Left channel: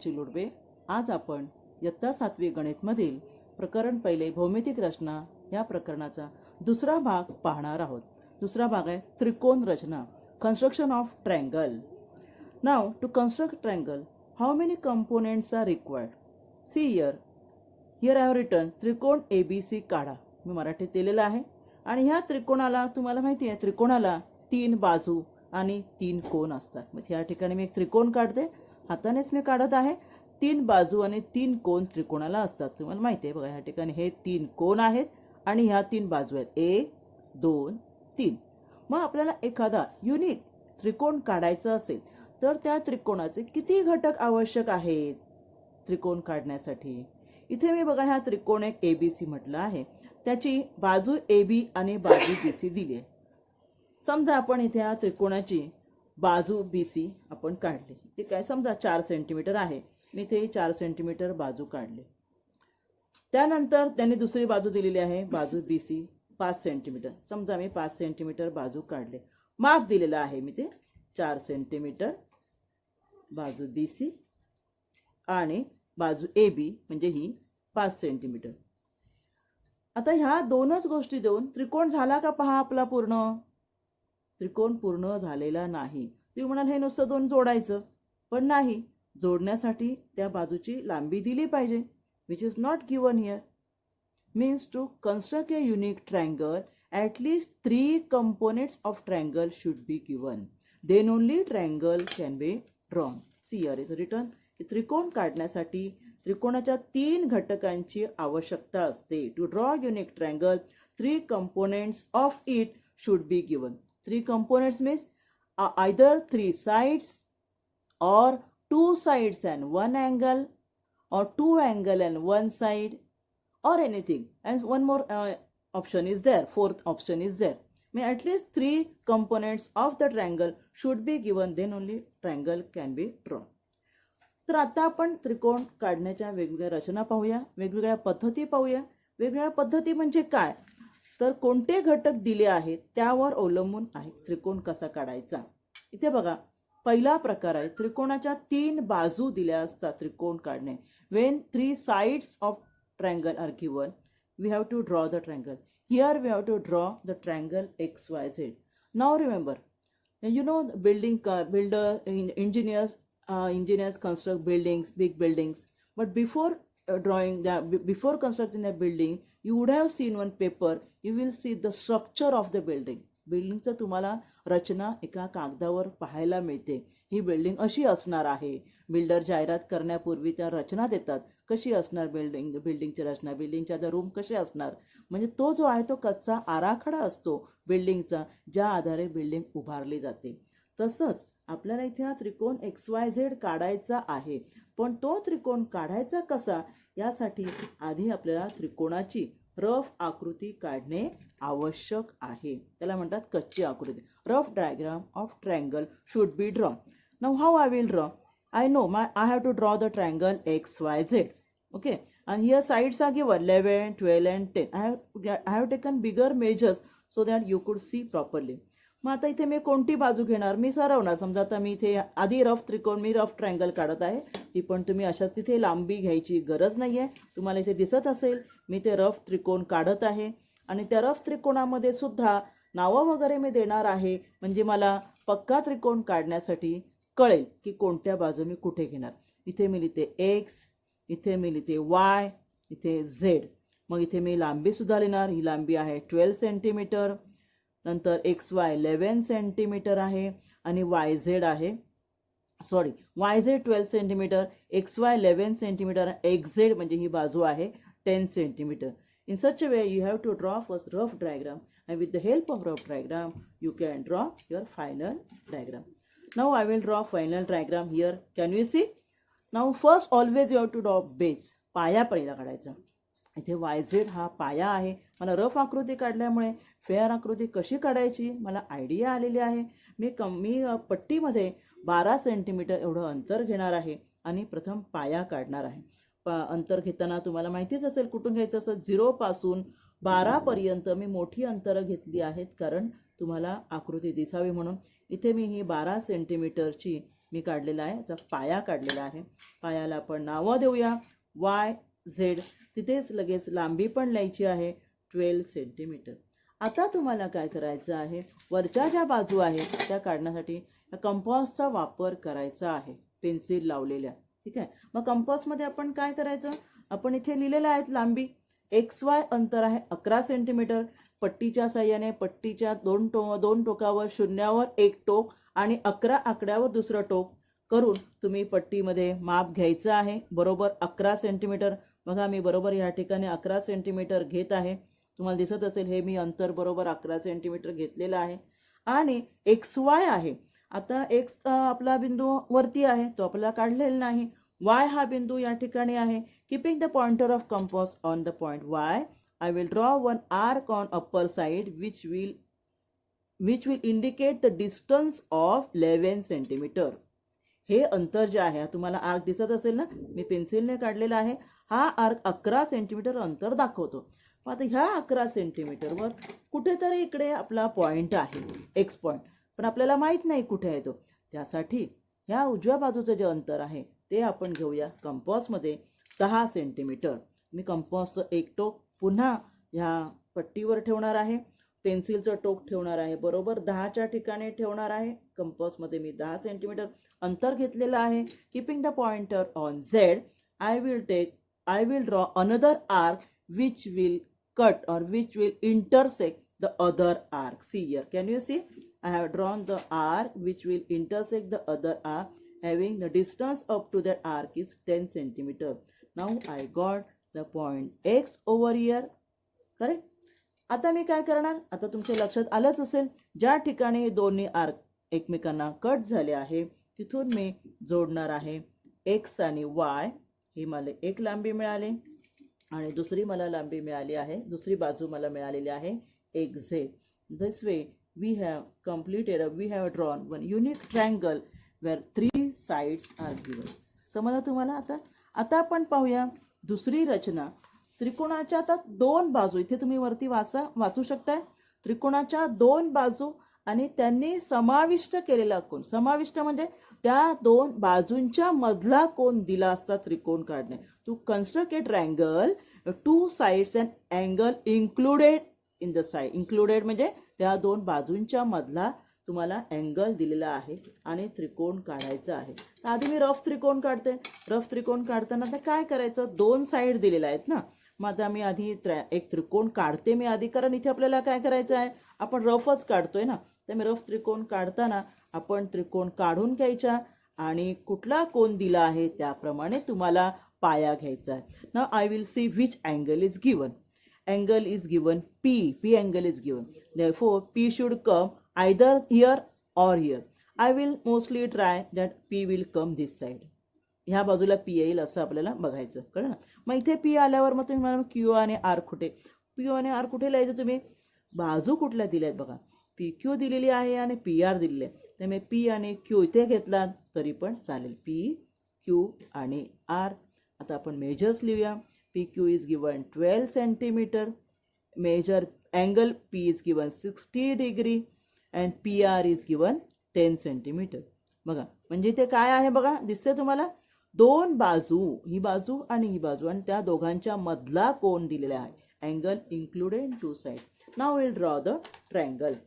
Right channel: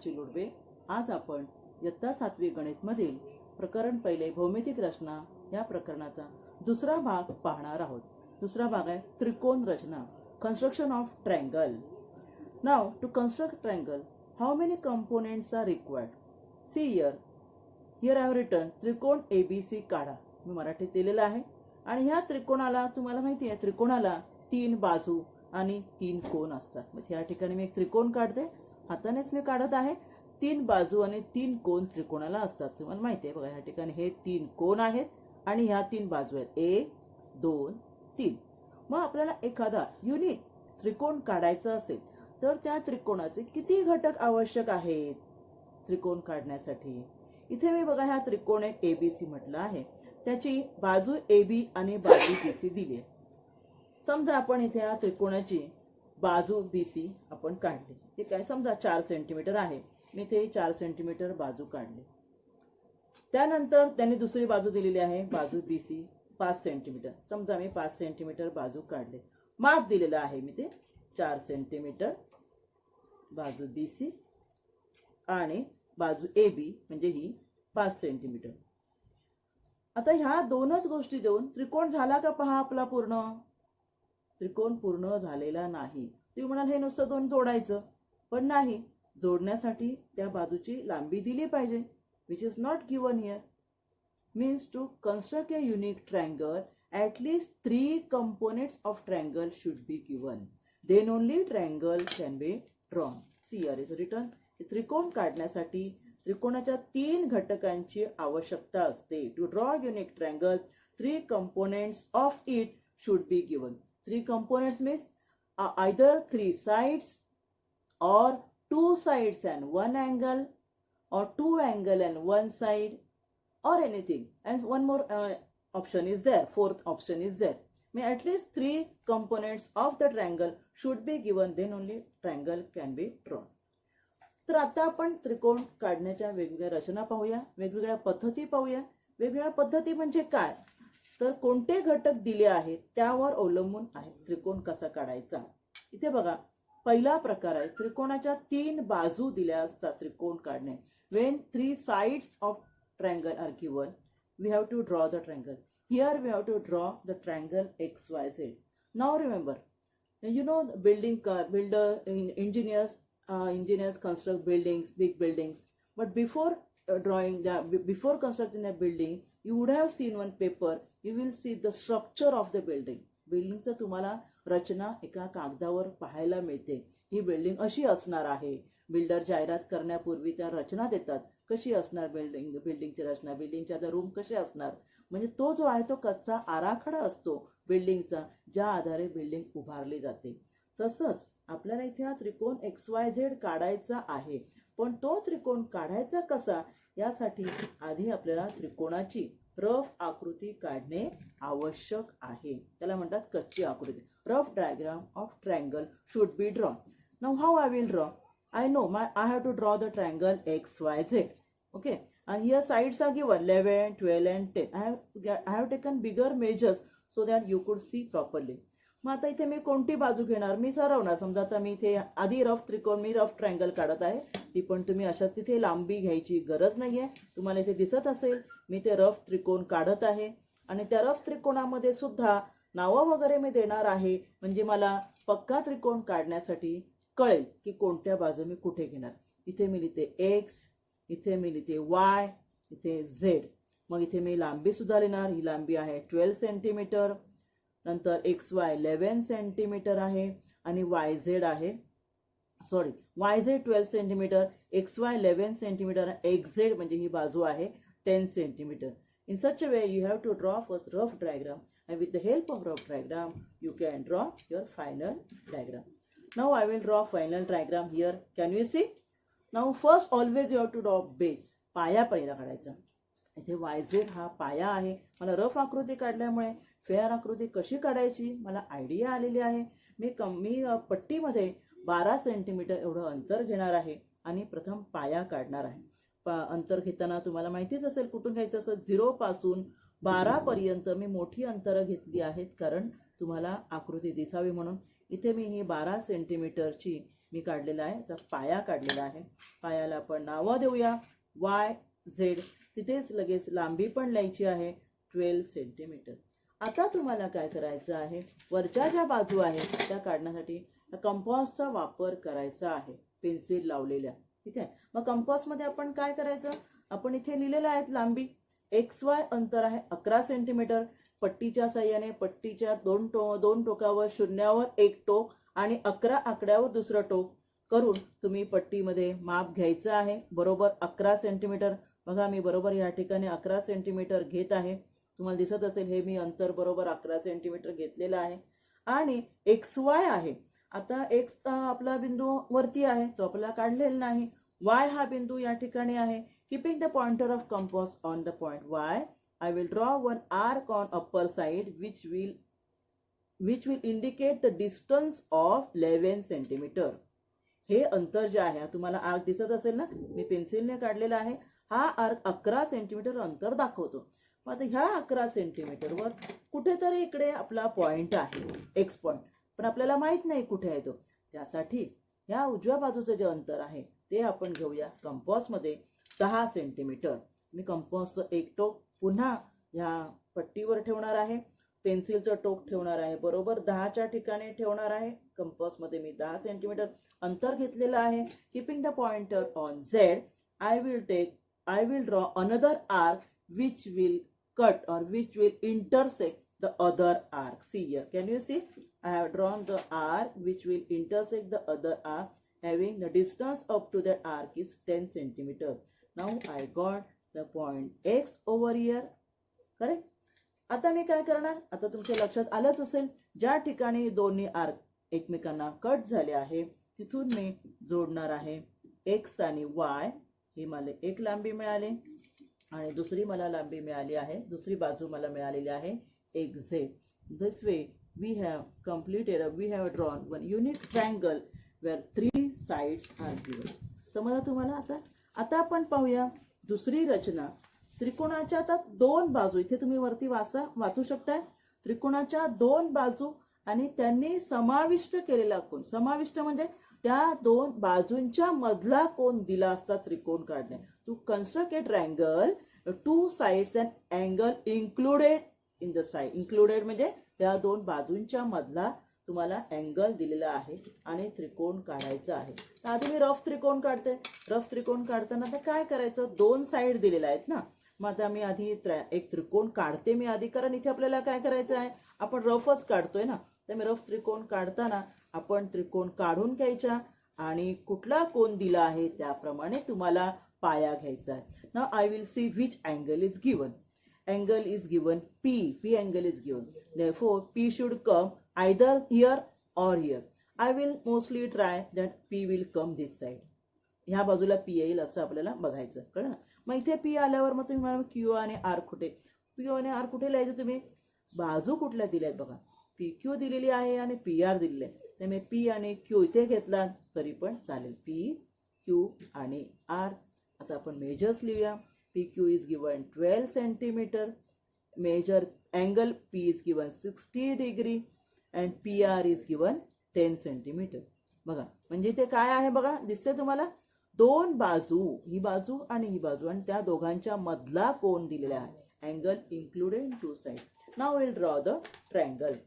नमस्कार चिलुडबे. आज आपण इयत्ता 7वी गणित मधील प्रकरण पहिले भौमितिक रचना या प्रकरणाचा दुसरा भाग पाहणार आहोत. दुसरा भाग आहे त्रिकोण रचना, construction of triangle. Now to construct triangle, how many components are required? See here I have written त्रिकोण ABC काढा. मी मराठीत दिलेला आहे आणि ह्या त्रिकोणाला तुम्हाला माहिती आहे त्रिकोणाला 3 बाजू आणि 3 कोन असतात. मग या ठिकाणी मी एक त्रिकोण काढते, हातानेच मी काढत आहे. 3 बाजू आणि 3 कोन त्रिकोणाला असतात. तुम्हाला माहिती आहे बघा, या ठिकाणी हे 3 कोन आहेत आणि ह्या 3 बाजू आहेत, 1 2 3. मग आपल्याला एखादा युनिक त्रिकोण काढायचा असेल तर त्या त्रिकोणाचे किती घटक आवश्यक आहेत त्रिकोण काढण्यासाठी? इथे मी बघा ह्या त्रिकोण एक ABC म्हटलं आहे, त्याची बाजू AB आणि बाजू BC दिली आहे. समजा आपण इथे या त्रिकोणाची बाजू BC आपण काढली. ते काय, समजा 4 सेंटीमीटर आहे, मी इथे 4 सेंटीमीटर बाजू काढली. त्यानंतर त्यांनी दुसरी बाजू दिलेली आहे, बाजू BC 5 सेंटीमीटर. समजा मी 5 सेंटीमीटर बाजू काढले. माप दिलेलं आहे मी ते 4 सेंटीमीटर बाजू BC आणि बाजू AB म्हणजे ही 5 सेंटीमीटर. आता ह्या दोनच गोष्टी देऊन त्रिकोण झाला का पहा आपला पूर्ण? त्रिकोण पूर्ण झालेला नाही. तुम्ही म्हणाल हे नुसतं 2 जोडायचं, पण नाही. जोडण्यासाठी त्या बाजूची लांबी दिली पाहिजे, which is not given here. Means to construct a unique triangle, at least 3 components of triangle should be given. Then only triangle can be drawn. See here is written. त्रिकोण काढण्यासाठी त्रिकोणाच्या 3 घटकांची आवश्यकता असते. To draw a unique triangle, 3 components of it should be given. 3 components means either 3 sides or 2 sides and 1 angle or 2 angle and 1 side or anything. And one more option is there, 4th option is there. May at least 3 components of the triangle should be given, then only triangle can be drawn. तर आता आपण त्रिकोण काढण्याच्या वेगवेगळ्या रचना पाहूया, वेगवेगळ्या पद्धती पाहूया. वेगवेगळ्या पद्धती म्हणजे काय, तर कोणते घटक दिले आहेत त्यावर अवलंबून आहे त्रिकोण कसा काढायचा. इथे बघा, पहिला प्रकार आहे त्रिकोणाच्या 3 बाजू दिल्या असतात त्रिकोण काढणे. When 3 sides of triangle are given, we have to draw the triangle. Here we have to draw the triangle XYZ. Now remember, you know engineers construct buildings, big buildings. But before before constructing a building, you would have seen one paper. You will see the structure of the building. बिल्डिंगचं तुम्हाला रचना एका कागदावर पाहायला मिळते. ही building अशी असणार आहे. Builder जाहिरात करण्यापूर्वी त्या रचना देतात, कशी असणार बिल्डिंगची रचना, बिल्डिंगच्या रूम कसे असणार. म्हणजे तो जो आहे तो कच्चा आराखडा असतो बिल्डिंगचा, ज्या आधारे बिल्डिंग उभारली जाते. तसंच आपल्याला इथे हा त्रिकोण XYZ काढायचा आहे, पण तो त्रिकोण काढायचा कसा यासाठी आधी आपल्याला त्रिकोणाची रफ आकृती काढणे आवश्यक आहे. त्याला म्हणतात कच्ची आकृती. Rough diagram of triangle should be draw. Now how I will draw? I know I have to draw the triangle XYZ. Okay, and here sides are given 11, 12 and 10. I have taken bigger measures so that you could see properly. मग आता इथे मी कोणती बाजू घेणार? मी सरवणार. समजा आता मी इथे आधी रफ ट्रायंगल काढत आहे, ती पण तुम्ही अशाच तिथे लांबी घ्यायची गरज नाहीये. तुम्हाला इथे दिसत असेल मी ते रफ त्रिकोण काढत आहे आणि त्या रफ त्रिकोणामध्ये सुद्धा नावं वगैरे मी देणार आहे, म्हणजे मला पक्का त्रिकोण काढण्यासाठी कळेल की कोणत्या बाजू मी कुठे घेणार. इथे मी लिहिते X, इथे मी लिहिते Y, इथे Z. मग इथे मी लांबी सुद्धा लिहिणार. ही लांबी आहे 12 सेंटीमीटर, नंतर XY 11 सेंटीमीटर आहे आणि YZ आहे, sorry YZ 12 centimetre, XY 11 centimetre, XZ म्हणजे ही बाजू आहे 10 centimetre. In such a way you have to draw first rough diagram, and with the help of rough diagram you can draw your final diagram. Now I will draw final diagram here. Can you see? Now first always you have to draw base. पाया पहिला काढायचा. इथे YZ हा पाया आहे. मला rough आकृती काढल्यामुळे फेअर आकृती कशी काढायची मला आयडिया आलेली आहे. मी पट्टीमध्ये 12 सेंटीमीटर एवढं अंतर घेणार आहे आणि प्रथम पाया काढणार आहे. अंतर घेताना तुम्हाला माहितीच असेल कुठून घ्यायचं असं. 0 पासून 12 पर्यंत मी मोठी अंतरं घेतली आहेत, कारण तुम्हाला आकृती दिसावी म्हणून. इथे मी ही 12 सेंटीमीटरची मी काढलेला आहे, याचा पाया काढलेला आहे. पायाला आपण नावं देऊया YZ. तिथेच लगेच लांबी पण लिहायची आहे 12 सेंटीमीटर. आता तुम्हाला काय करायचं आहे, वरच्या ज्या बाजू आहेत त्या काढण्यासाठी कंपासचा वापर करायचा आहे, पेन्सिल लावलेल्या. ठीक आहे. मग कंपासमध्ये आपण काय करायचं, आपण इथे लिहिलेलं आहे लांबी XY अंतर आहे 11 सेंटीमीटर. पट्टीच्या साह्याने पट्टीच्या दोन टोकावर शून्यावर एक टोक आणि 11 आकड्यावर दुसरं टोक करून तुम्ही पट्टीमध्ये माप घ्यायचं आहे, बरोबर 11 सेंटीमीटर. बघा मी बरोबर या ठिकाणी 11 सेंटीमीटर घेत आहे. तुम्हाला दिसत असेल हे मी अंतर बरोबर 11 सेंटीमीटर घेतलेलं आहे. आणि XY आहे, आता X आपला बिंदू वरती आहे, तो आपल्याला काढलेला नाही. Y हा बिंदू या ठिकाणी आहे. Keeping the pointer of compass on the point Y, I will draw one arc on upper side which will indicate the distance of 11 centimeter. हे अंतर जे आहे, तुम्हाला आर्क दिसत असेल ना, मी पेन्सिलने काढलेला आहे. हा आर्क 11 सेंटीमीटर अंतर दाखवतो. आता ह्या 11 सेंटीमीटरवर कुठेतरी इकडे आपला पॉइंट आहे, एक्स पॉइंट, पण आपल्याला माहित नाही कुठे आहे तो. त्यासाठी ह्या उजव्या बाजूचं जे अंतर आहे ते आपण घेऊया कंपासमध्ये 10 सेंटीमीटर. मी कंपासचं एक टोक पुन्हा ह्या पट्टीवर ठेवणार आहे, पेन्सिलचं टोक ठेवणार आहे बरोबर 10च्या ठिकाणी ठेवणार आहे. कंपासमध्ये मी 10 सेंटीमीटर अंतर घेतलेलं आहे. Keeping the pointer on Z, I will draw another arc which will cut or which will intersect the other arc. See here, can you see? I have drawn the arc which will intersect the other arc, having the distance up to that arc is 10 centimeter. Now I got the point X over here, correct? आता मी काय करणार, आता तुमच्या लक्षात आलंच असेल, ज्या ठिकाणी दोन्ही आर्क एकमेकांना कट झाले आहे तिथून मी जोडणार आहे X आणि Y. ही मला एक लांबी मिळाली आणि दुसरी मला लांबी मिळाली आहे, दुसरी बाजू मला मिळालेली आहे XZ. This way we have drawn one unique triangle where 3 sides are given. समजलं तुम्हाला? आता आपण पाहूया दुसरी रचना. त्रिकोणाच्या आता 2 बाजू, इथे तुम्ही वरती वाचू शकताय, त्रिकोणाच्या 2 बाजू आणि त्यांनी समाविष्ट केलेला कोन. समाविष्ट म्हणजे त्या 2 बाजूंच्या मधला कोन दिला असता त्रिकोण काढणे. To construct a triangle, 2 sides and angle included in the side. included म्हणजे त्या 2 बाजूंच्या मधला तुम्हाला अँगल दिलेला आहे आणि त्रिकोण काढायचा आहे. आधी मी रफ त्रिकोण काढते. रफ त्रिकोण काढताना काय करायचं, 2 साइड दिलेल्या आहेत ना, मग आता मी आधी एक त्रिकोण काढते मी आधी, कारण इथे आपल्याला काय करायचं आहे, आपण रफच काढतोय ना. तर मी रफ त्रिकोण काढताना आपण त्रिकोण काढून घ्यायचा आणि कुठला कोन दिला आहे त्याप्रमाणे तुम्हाला पाया घ्यायचा आहे. Now I will see which angle is given. Angle is given P. P angle is given. Therefore, P should come either here or here. I will mostly try that P will come this side. ह्या बाजूला P येईल असं आपल्याला बघायचं, कळलं ना. मग इथे P आल्यावर मग तुम्ही मला Q आणि R कुठे, Q आणि R कुठे लिहायचं, तुम्ही बाजू कुठल्या दिल्यात बघा, PQ दिलेली आहे आणि PR दिलेली आहे. त्यामुळे P आणि Q इथे घेतला तरी पण चालेल, P, Q आणि R. आता आपण मेजर्स लिहूया. PQ is given 12 centimeter. Measure angle P is given 60 degree and PR is given 10 centimeter. बघा म्हणजे ते काय आहे बघा, दिसते तुम्हाला, 2 बाजू, ही बाजू आणि ही बाजू, आणि त्या दोघांच्या मधला कोन दिलेला आहे. Angle included in 2 sides. Now we'll draw the triangle.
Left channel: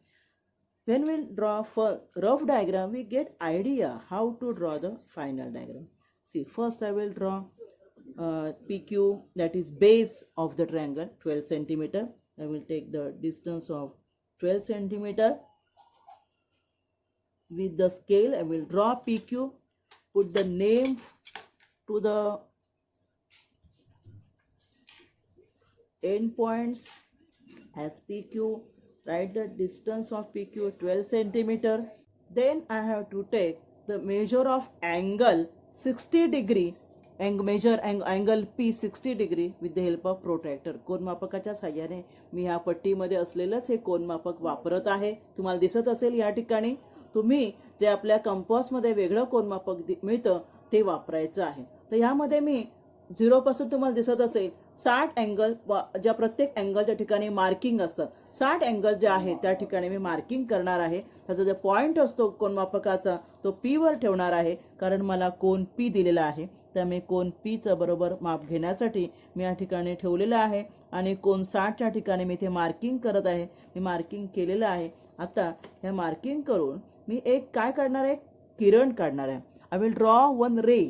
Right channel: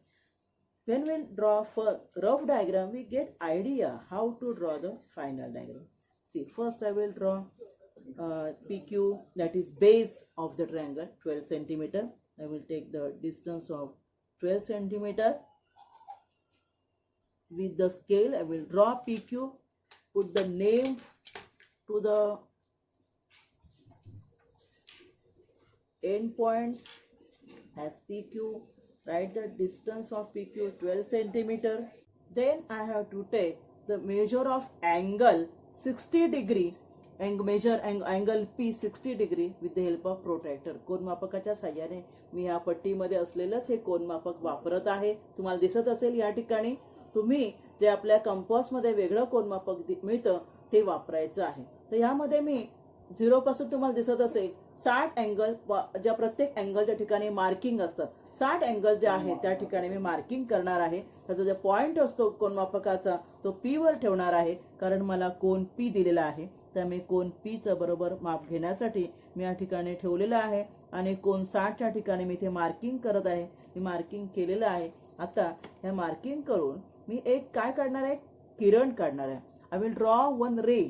When we'll draw for rough diagram, we get idea how to draw the final diagram. See, first I will draw PQ, that is base of the triangle, 12 centimeter. I will take the distance of 12 centimeter. With the scale, I will draw PQ, put the name to the end points as PQ, write the distance of PQ 12 centimeter. Then I have to take the measure of angle 60 degree and measure angle P 60 degree with the help of protractor. कोनमापकाच्या साहाय्याने मी ह्या पट्टीमध्ये असलेलंच हे कोनमापक वापरत आहे. तुम्हाला दिसत असेल या ठिकाणी, तुम्ही जे आपल्या कंपासमध्ये वेगळं कोनमापक मिळतं ते वापरायचं आहे. तर यामध्ये मी 0 पासून तुम्हाला दिसत असेल 60 अँगल, ज्या प्रत्येक अँगलच्या ठिकाणी मार्किंग असतात, 60 अँगल जे आहे त्या ठिकाणी मी मार्किंग करणार आहे. त्याचा जो पॉइंट असतो कोनमापकाचा तो P वर ठेवणार आहे, कारण मला कोन P दिलेला आहे. त्यामुळे कोन P चं बरोबर माप घेण्यासाठी मी या ठिकाणी ठेवलेलं आहे आणि कोन 60च्या ठिकाणी मी ते मार्किंग करत आहे. मी मार्किंग केलेलं आहे. आता हे मार्किंग करून मी एक काय काढणार आहे, किरण काढणार आहे. I will draw one ray.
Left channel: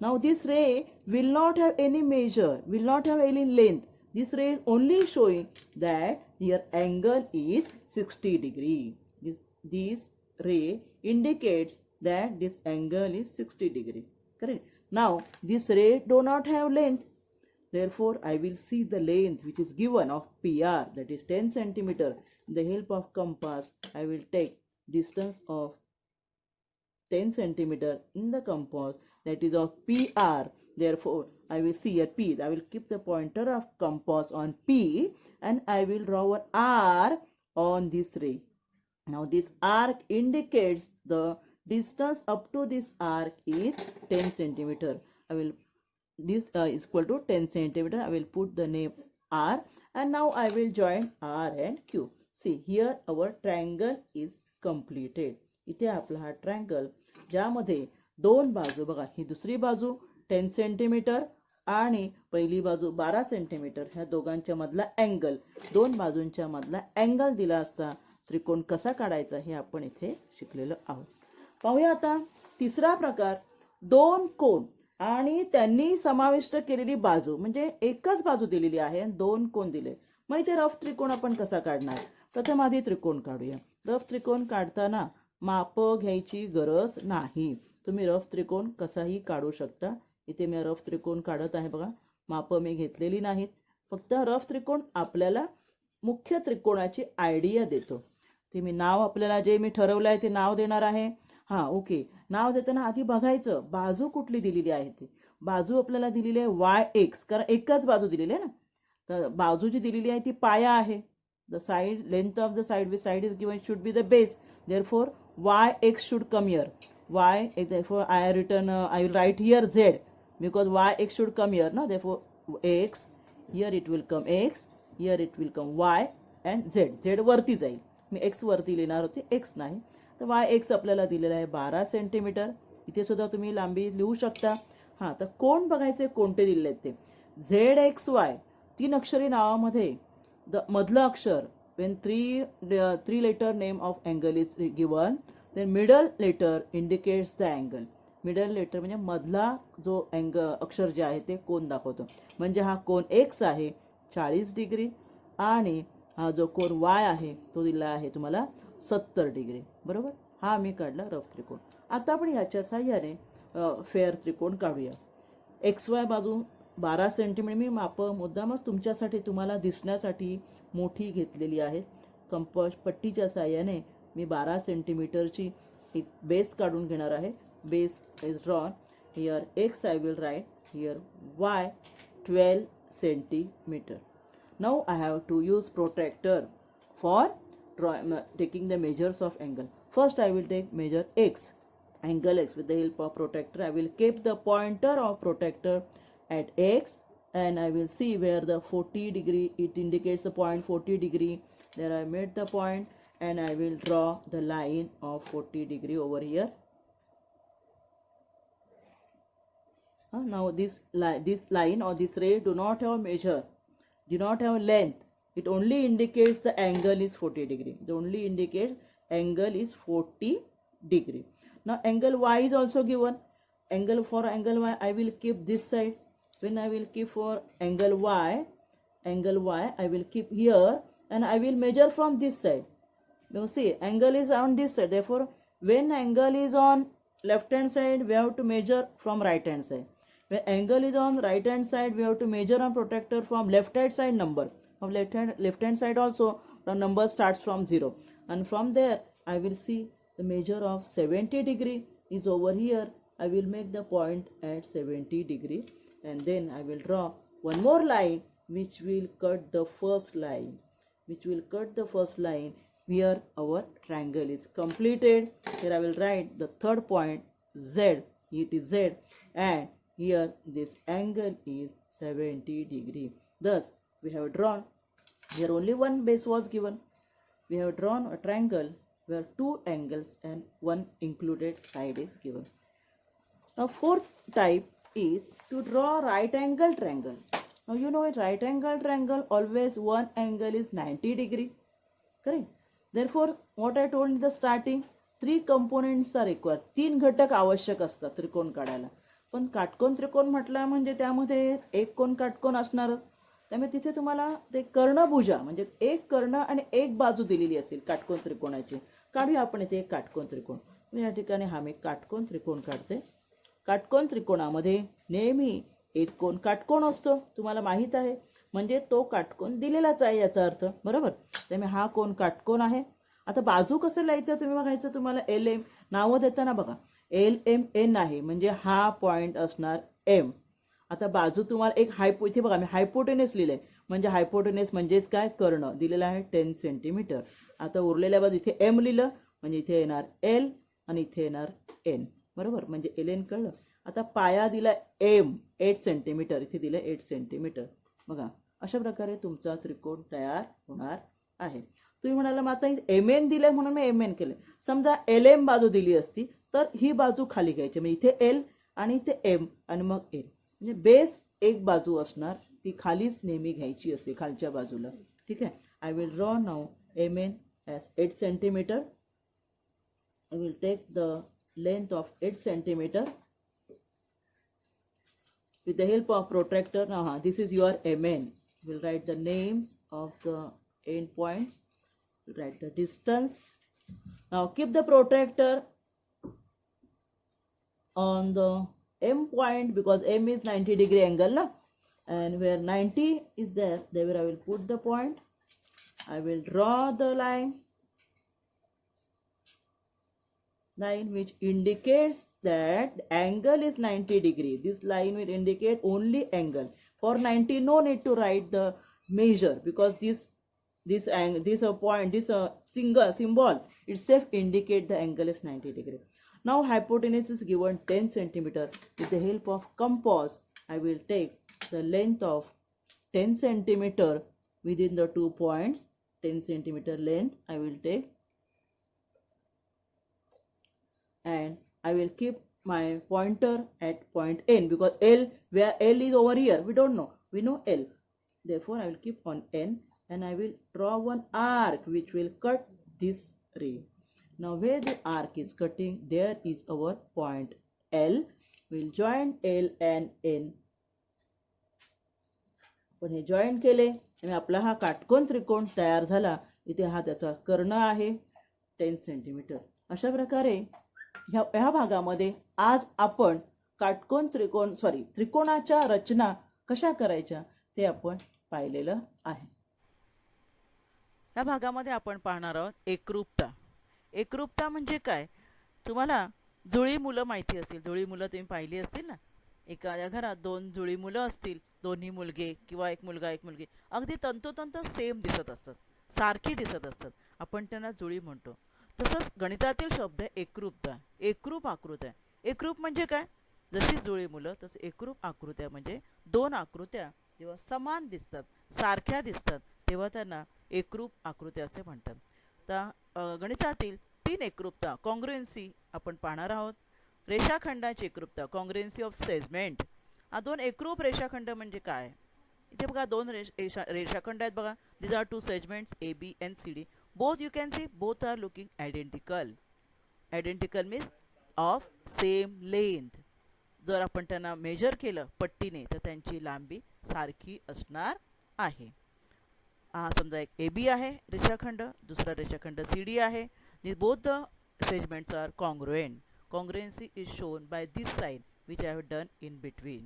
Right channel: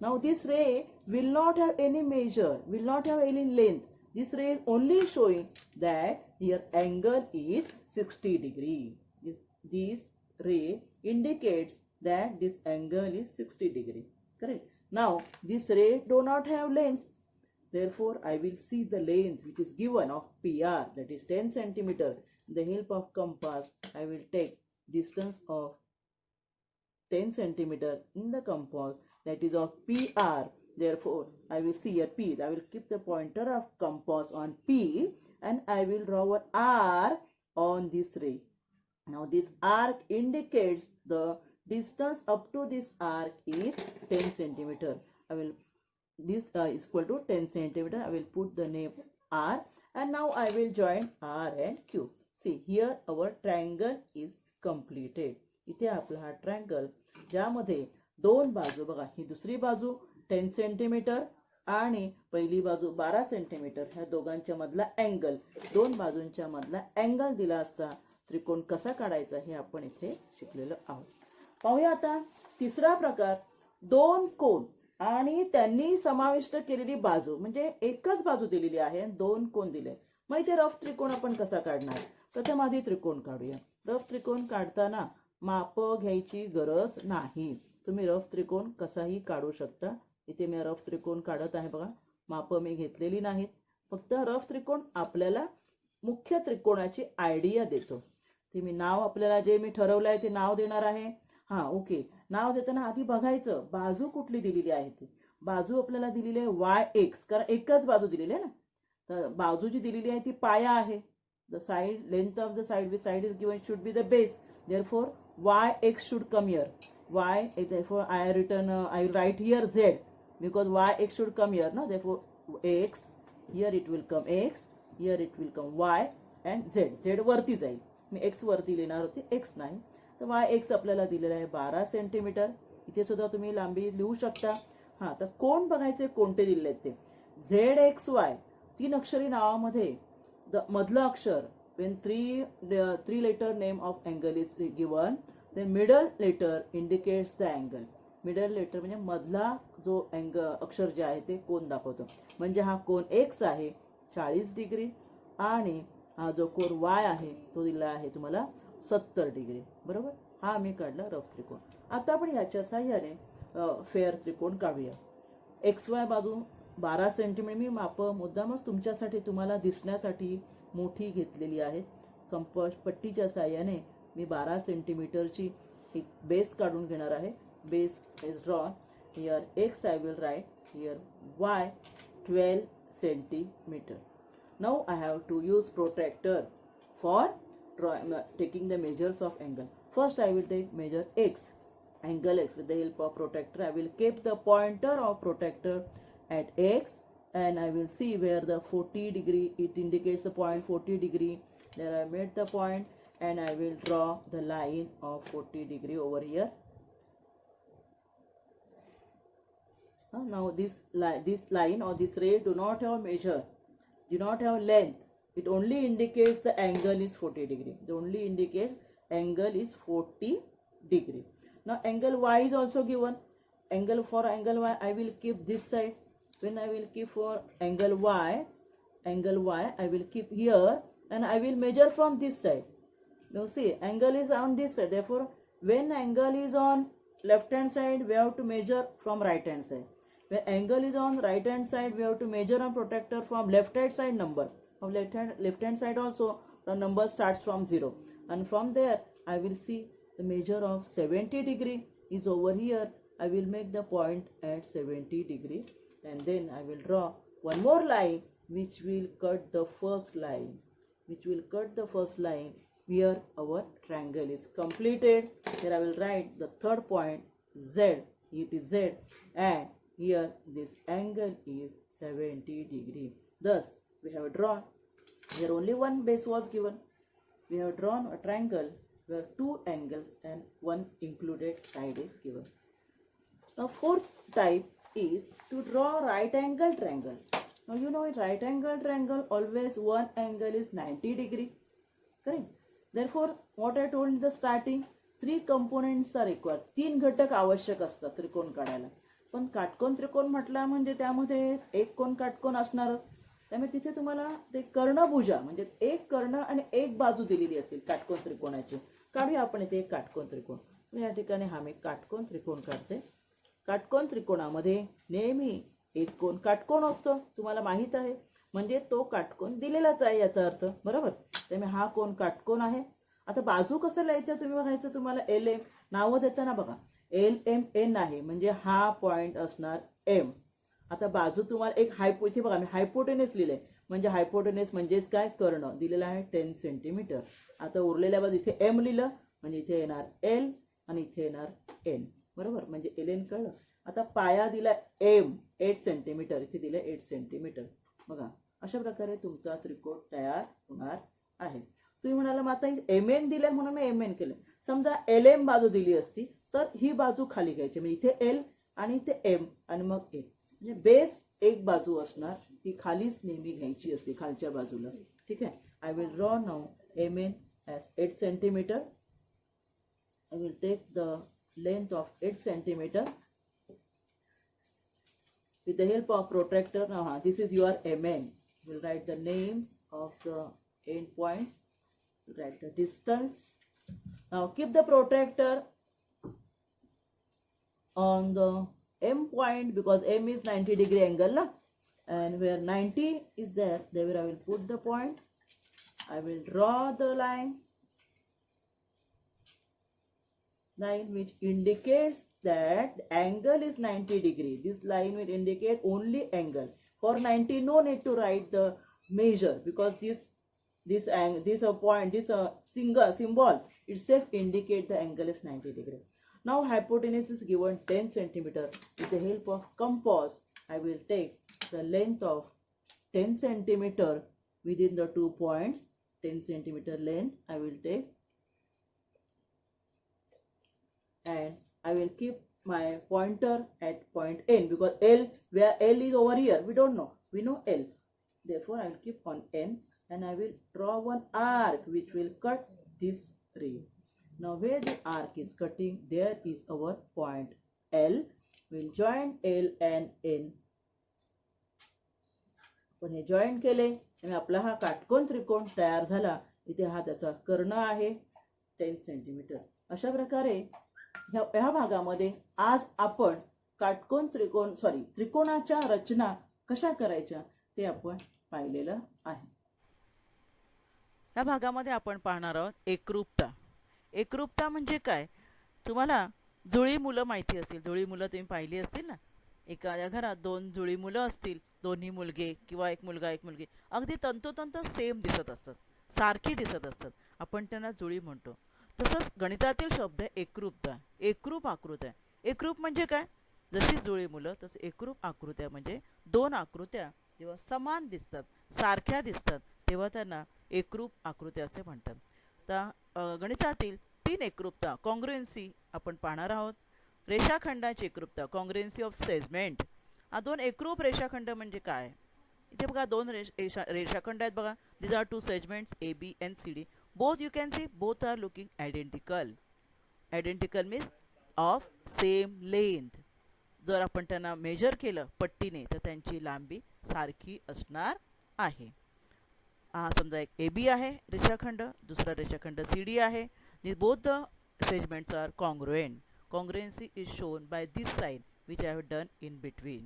Now this ray will not have any measure, will not have any length. This ray is only showing that here angle is 60 degree. This ray indicates that this angle is 60 degree. Correct. Now this ray do not have length. Therefore, I will see the length which is given of PR, that is 10 centimeter. With the help of compass, I will take distance of 10 centimeter in the compass, that is of PR. Therefore, I will see a P. I will keep the pointer of compass on P and I will draw an R on this ray. Now this arc indicates the distance up to this arc is 10 centimeter. I will this is equal to 10 centimeter. I will put the name R and now I will join R and Q. See here our triangle is completed. इथे आपला हा triangle ज्यामध्ये दोन बाजू बघा, ही दुसरी बाजू 10 centimetre आणि पहिली बाजू 12 सेंटीमीटर, ह्या दोघांच्या मधला अँगल, दोन बाजूंच्या मधला अँगल दिला असता त्रिकोण कसा काढायचा हे आपण इथे शिकलेलो आहोत. पाहूया आता तिसरा प्रकार, दोन कोन आणि त्यांनी समाविष्ट केलेली बाजू, म्हणजे एकच बाजू दिलेली आहे, दोन कोन दिले. मग इथे रफ त्रिकोण आपण कसा काढणार? प्रथम आधी त्रिकोण काढूया. रफ त्रिकोण काढताना माप घ्यायची गरज नाही. तुम्ही रफ त्रिकोण कसाही काढू शकता. इथे मी रफ त्रिकोण काढत आहे बघा, माप मी घेतलेली नाहीत. फक्त रफ त्रिकोण आपल्याला मुख्य त्रिकोणाची आयडिया देतो. ते मी नाव आपल्याला जे मी ठरवलं आहे ते नाव देणार आहे. हा ओके, नाव देताना आधी बघायचं बाजू कुठली दिलेली आहे. ती बाजू आपल्याला दिलेली आहे YX, कारण एकच बाजू दिलेली आहे ना. तर बाजू जी दिलेली आहे ती पाया आहे. The side length of the side which side is given should be the base. Therefore, YX should come here. Y, therefore I written I will write here Z because YX should come here. No, therefore X here it will come X, here it will come Y and Z. Z वरती जाईल. मी X वरती लिहिणार होते, X नाही. तर YX आपल्याला दिलेला आहे 12 सेंटीमीटर. इथे सुद्धा तुम्ही लांबी लिहू शकता. हा, तर कोण बघायचे कोणते दिलेले आहेत ते. ZXY 3 अक्षरी नावामध्ये the मधलं अक्षर, when three letter name of angle is given, then middle letter indicates the angle. middle letter म्हणजे मधला जो अक्षर जे आहे ते कोन दाखवतो. म्हणजे हा कोन X आहे 40 डिग्री आणि हा जो कोन Y आहे तो दिला आहे तुम्हाला 70 डिग्री. बरोबर, हा मी काढला रफ त्रिकोण. आता आपण याच्या साहाय्याने फेअर त्रिकोण काढूया. XY बाजू 12 सेंटीमीटर मी माप मुद्दामच तुमच्यासाठी तुम्हाला दिसण्यासाठी मोठी घेतलेली आहे. कंपास पट्टीच्या साहाय्याने मी 12 सेंटीमीटरची एक बेस काढून घेणार आहे. Base is drawn here. X I will write here, Y 12 centimeter. Now I have to use protractor for taking the measures of angle. First I will take measure X, angle X. With the help of protractor I will keep the pointer of protractor at X and I will see where the 40 degree, it indicates the point 40 degree. There I made the point and I will draw the line of 40 degree over here. Now this line or this ray do not have measure, do not have length. It only indicates the angle is 40 degree. It only indicates angle is 40 degree. Now angle Y is also given. For angle Y I will keep this side. When I will keep for angle Y I will keep here and I will measure from this side. Now see, angle is on this side. Therefore, when angle is on left hand side, we have to measure from right hand side. When angle is on right hand side, we have to measure on protractor from left hand side number. From left hand side also, the number starts from 0. And from there, I will see the measure of 70 degree is over here. I will make the point at 70 degree. And then I will draw one more line which will cut the first line. Here our triangle is completed. Here I will write the third point Z. It is Z. And Here this angle is 70 degree. Thus we have drawn, here only one base was given. We have drawn a triangle where two angles and one included side is given. Now fourth type is to draw right angle triangle. Now you know in right angle triangle always one angle is 90 degree. Correct? Therefore what I told in the starting, three components are required. तीन घटक आवश्यक असतात त्रिकोण काढायला. पण काटकोन त्रिकोण म्हटलं म्हणजे त्यामध्ये एक कोण काटकोन असणारच. त्यामुळे तिथे तुम्हाला ते कर्णभुजा म्हणजे एक कर्ण आणि एक बाजू दिलेली असेल काटकोन त्रिकोणाची. काढूया आपण इथे एक काटकोन त्रिकोण. या ठिकाणी हा मी काटकोन त्रिकोण काढते. काटकोन त्रिकोणामध्ये नेहमी एक कोण काटकोन असतो, तुम्हाला माहित आहे. म्हणजे तो काटकोन दिलेलाच आहे याचा अर्थ, बरोबर. त्यामुळे हा कोण काटकोन आहे. आता बाजू कसं लिहायचं तुम्ही बघायचं. तुम्हाला एल एम नावं देताना बघा एल एम एन आहे म्हणजे हा पॉइंट असणार एम. आता बाजू तुम्हाला एक इथे बघा मी हायपोटेनस लिहिलंय म्हणजे हायपोटेनस म्हणजेच काय कर्ण दिलेला आहे 10 सेंटीमीटर. आता उरलेल्या बाजू इथे एम लिहिलं म्हणजे इथे येणार एल आणि इथे येणार एन, बरोबर. म्हणजे एल एन कळलं. आता पाया दिला एम 8 सेंटीमीटर, इथे दिलं 8 सेंटीमीटर. बघा अशा प्रकारे तुमचा त्रिकोण तयार होणार आहे. तुम्ही म्हणाला मग आता एम एन दिलंय म्हणून मी एम एन केलं. समजा एल एम बाजू दिली असती तर ही बाजू खाली घ्यायची, म्हणजे इथे एल आणि इथे एम आणि मग एल. म्हणजे बेस एक बाजू असणार ती खालीच नेहमी घ्यायची असते खालच्या बाजूला. ठीक आहे. I will draw now M N as 8 centimeter. I will take the length of 8 centimeter with the help of protractor. Now this is your MN. We'll write the names of the end points. We'll write the distance. Now keep the protractor on the M point because M is 90 degree angle, na? And where 90 is there I will put the point. I will draw the line which indicates that the angle is 90 degree. This line will indicate only angle. For 90 no need to write the measure because this point, this single symbol itself indicate the angle is 90 degree. Now hypotenuse is given 10 centimeter. With the help of compass I will take the length of 10 centimeter within the 2 points. 10 centimeter length I will take, and I will keep my pointer at point N because L, where L is over here, we don't know, we know L. Therefore I will keep on N and I will draw one arc which will cut this ray. Now where the arc is cutting, there is our point L. We will join L and N. पण हे join केले आणि आपला हा काटकोन त्रिकोण तयार झाला. इथे हा त्याचा कर्ण आहे 10 सेंटीमीटर. अशा प्रकारे ह्या भागामध्ये आज आपण काटकोन त्रिकोणाच्या रचना कशा करायच्या ते आपण पाहिलेलं आहे. या भागामध्ये आपण पाहणार आहोत एकरूपता. एकरूपता म्हणजे काय, तुम्हाला जुळी मुलं माहिती असतील. जुळी मुलं तुम्ही पाहिली असतील ना. एखाद्या घरात दोन जुळी मुलं असतील, दोन्ही मुलगे किंवा एक मुलगा एक मुलगी अगदी तंतोतंत सेम दिसत असतात, सारखी दिसत असतात, आपण त्यांना जुळी म्हणतो. तसंच गणितातील शब्द एकरूपता, एकरूप आकृत्या. एकरूप म्हणजे काय, जशी जुळी मुलं तसं एकरूप आकृत्या म्हणजे दोन आकृत्या जेव्हा समान दिसतात, सारख्या दिसतात, तेव्हा त्यांना एकरूप आकृत्या असे म्हणतात. तर गणितातील 3 एकरूपता कॉन्ग्रुएन्सी आपण पाहणार आहोत. रेषाखंडाची एकरूपता कॉन्ग्रुएन्सी ऑफ सेगमेंट. हा 2 एकरूप रेषाखंड म्हणजे काय, इथे बघा 2 रेषाखंड आहेत बघा. these are 2 segments AB and CD. both you can see both are looking identical. Identical means of same length. जर आपण त्यांना मेजर केलं पट्टीने तर त्यांची लांबी सारखी असणार आहे. हा समजा एक AB आहे रेषाखंड, दुसरा रेषाखंड CD आहे. both the segments are congruent. Congruency is shown by this sign which I have done in between.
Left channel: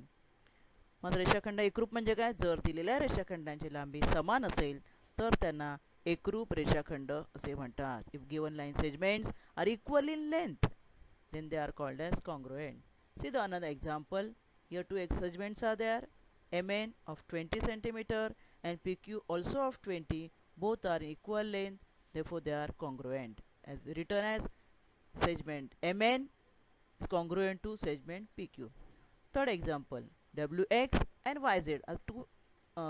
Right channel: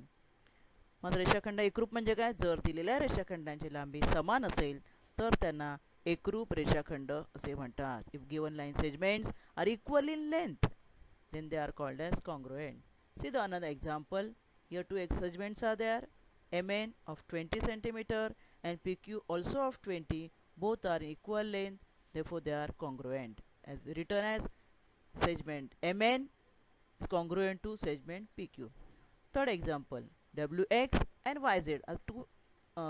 मग रेषाखंड एकरूप म्हणजे काय, जर दिलेल्या रेषाखंडांची लांबी समान असेल तर त्यांना एकरूप रेषाखंड असे म्हणतात. If given line segments are equal in length then they are called as congruent. See the another example. Here 2 segments are there, MN of 20 centimeter and PQ also of 20. Both are equal length, therefore they are congruent. As we written as segment MN is congruent to segment PQ. Third example, WX and YZ are two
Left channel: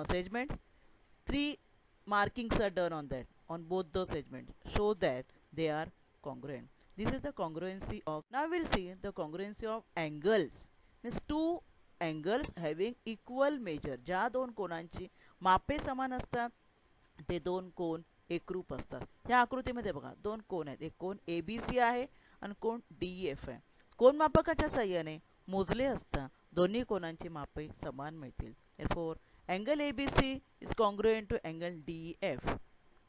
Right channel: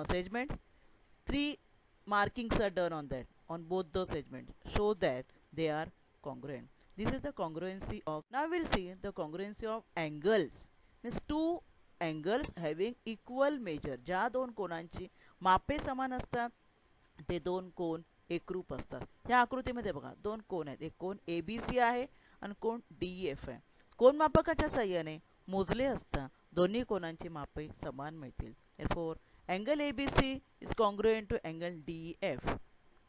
segments. Three markings are done on that, on both those segments, show that they are congruent. This is the congruency of. Now we'll see the congruency of angles. Means two angles having equal measure. ज्या दोन कोणांची मापे समान असतात ते दोन कोन एकरूप असतात. ह्या आकृतीमध्ये बघा दोन कोन आहेत. एक कोन ABC आहे आणि कोन DEF आहे. कोनमापकाच्या साहाय्याने मोजले असता दोन्ही कोनांची मापे समान मिळतील. Therefore, angle ABC is congruent to angle DEF.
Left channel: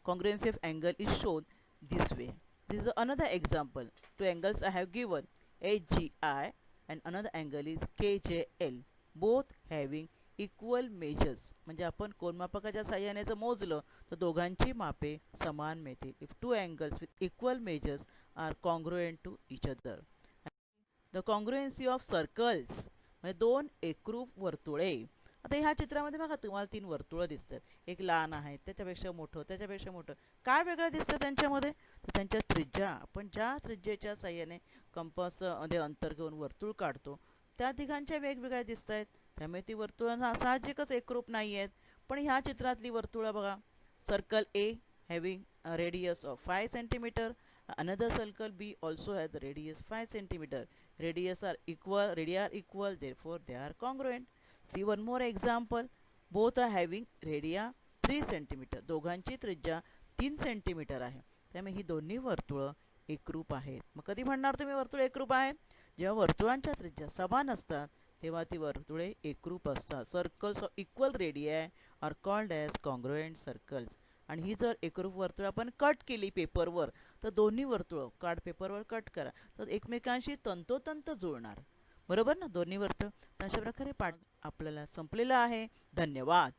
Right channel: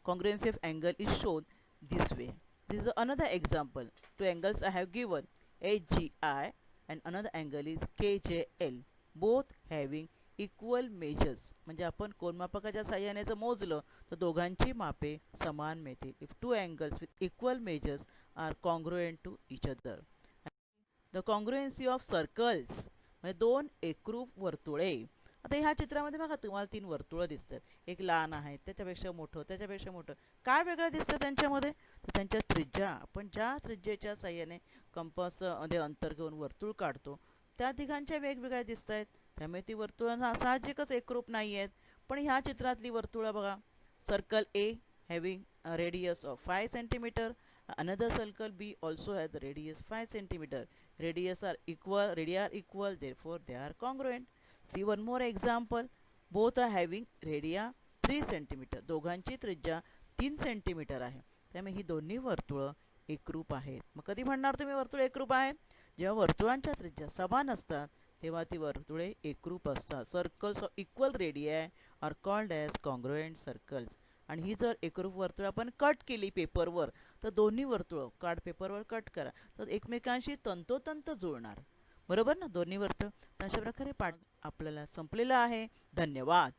Congruency of angle is shown this way. This is another example. Two angles I have given, HGI and another angle is KJL. Both having equal measures. म्हणजे आपण कोनमापकाच्या साहाय्याने जर मोजलं तर दोघांची मापे समान मिळतील. If two angles with equal measures are congruent to each other. The congruency of circles. म्हणजे दोन एकरूप वर्तुळे. आता ह्या चित्रामध्ये बघा तुम्हाला तीन वर्तुळं दिसतात. एक लहान आहे, त्याच्यापेक्षा मोठं, त्याच्यापेक्षा मोठं. काय वेगळं दिसतं त्यांच्यामध्ये? तर त्यांच्या त्रिज्या. आपण ज्या त्रिज्येच्या साहाय्याने कंपासमध्ये अंतर घेऊन वर्तुळ काढतो त्या तिघांच्या वेगवेगळ्या दिसत आहेत. त्यामुळे ती वर्तुळं साहजिकच एकरूप नाही आहेत. पण ह्या चित्रातली वर्तुळं बघा. Circle A having a radius of 5 centimeter. Another circle B also has the radius 5 centimeter. Radii are equal, therefore they are congruent. See one more example. Both are having radii 3 centimeter. दोघांची त्रिज्या 3 centimetre आहे. त्यामुळे ही दोन्ही वर्तुळं एकरूप आहेत. मग कधी म्हणणार तुम्ही वर्तुळ एकरूप आहेत? जेव्हा वर्तुळांच्या त्रिज्या समान असतात तेव्हा ती वर्तुळे एकरूप असतात. Circles of equal radii are called as congruent circles. आणि ही जर एकरूप वर्तुळ आपण कट केली पेपरवर तर दोन्ही वर्तुळं कार्ड पेपरवर कट करा तर एकमेकांशी तंतोतंत जुळणार. बरोबर ना दोन्ही वर्तुळ. तर अशा प्रकारे पाठ आपल्याला संपलेला आहे. धन्यवाद.